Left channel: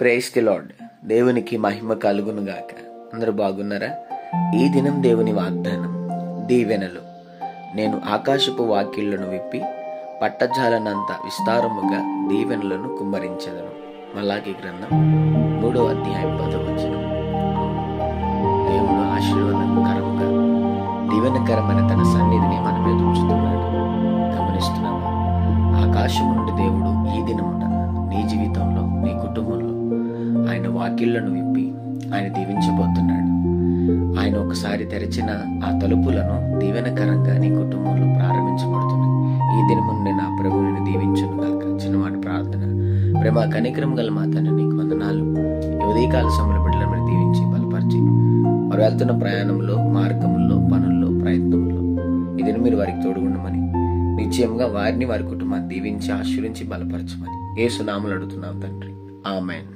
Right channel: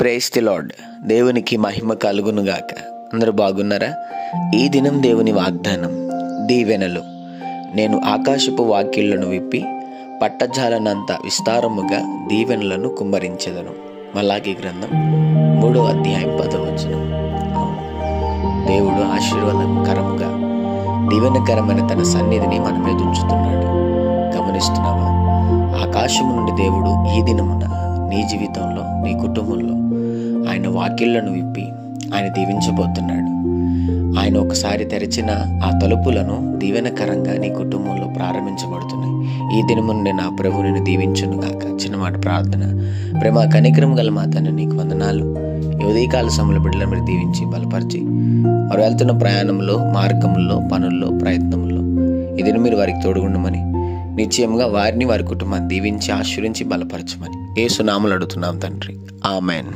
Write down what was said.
Praise the lord. దేవునికి మహిమ కలుగునుగాక. అందరూ బాగున్నారా? ఈ దినం దేవుని వాగ్దానం, దీవెనలు. నేను ఆకాశపు వాకిళ్లను విప్పి పట్టజాలనంత విస్తారముగా దీవెనలను కుమ్మరించెదను. మలాకి గ్రంథం 3వ అధ్యాయం 10వ వచనం. దేవుడు ఆశీర్వాదకరముగా దీవెనకరమైన తన సన్నిధిని మన మీద ఉంచుతున్నాడు. గమనిస్తున్నావా? ఆకాశం నుండి దేవుడు ఈ దినమున నీ జీవితంలో, నీ కుటుంబంలో ఆయన వాకిళ్లను విప్పి ఆయన దీవించబోతున్నాడు. ఆయన ఒకసారి తెరిచిన ఆ తలుపులను దీవెనకరంగా నీ కుటుంబంలో ప్రారంభించబడుతున్నాయి. ఈ దినమున నా ప్రభు నిన్ను దీవించును గాక. చిన్నమాట ప్రార్థన. ప్రేమ కనికరం గల మా తండ్రి, నీకు వందనాలు. ఉదయకాల సమయంలో బిడ్డలను మీరు దీవించి బలపరిచి వారు వెళ్తున్న ప్రయాణంలో, మార్గంలో, పనుల్లో, ప్రయత్నంలో ఈ దినం మీరు వారికి తోడుగుండమని, నిశ్చయంగా వారిని, వారి కుటుంబాన్ని దీవించి ఆశీర్వించి బలపరచమని యేసు నామములో అడుగుతున్నాం తండ్రి. ఆమేన్.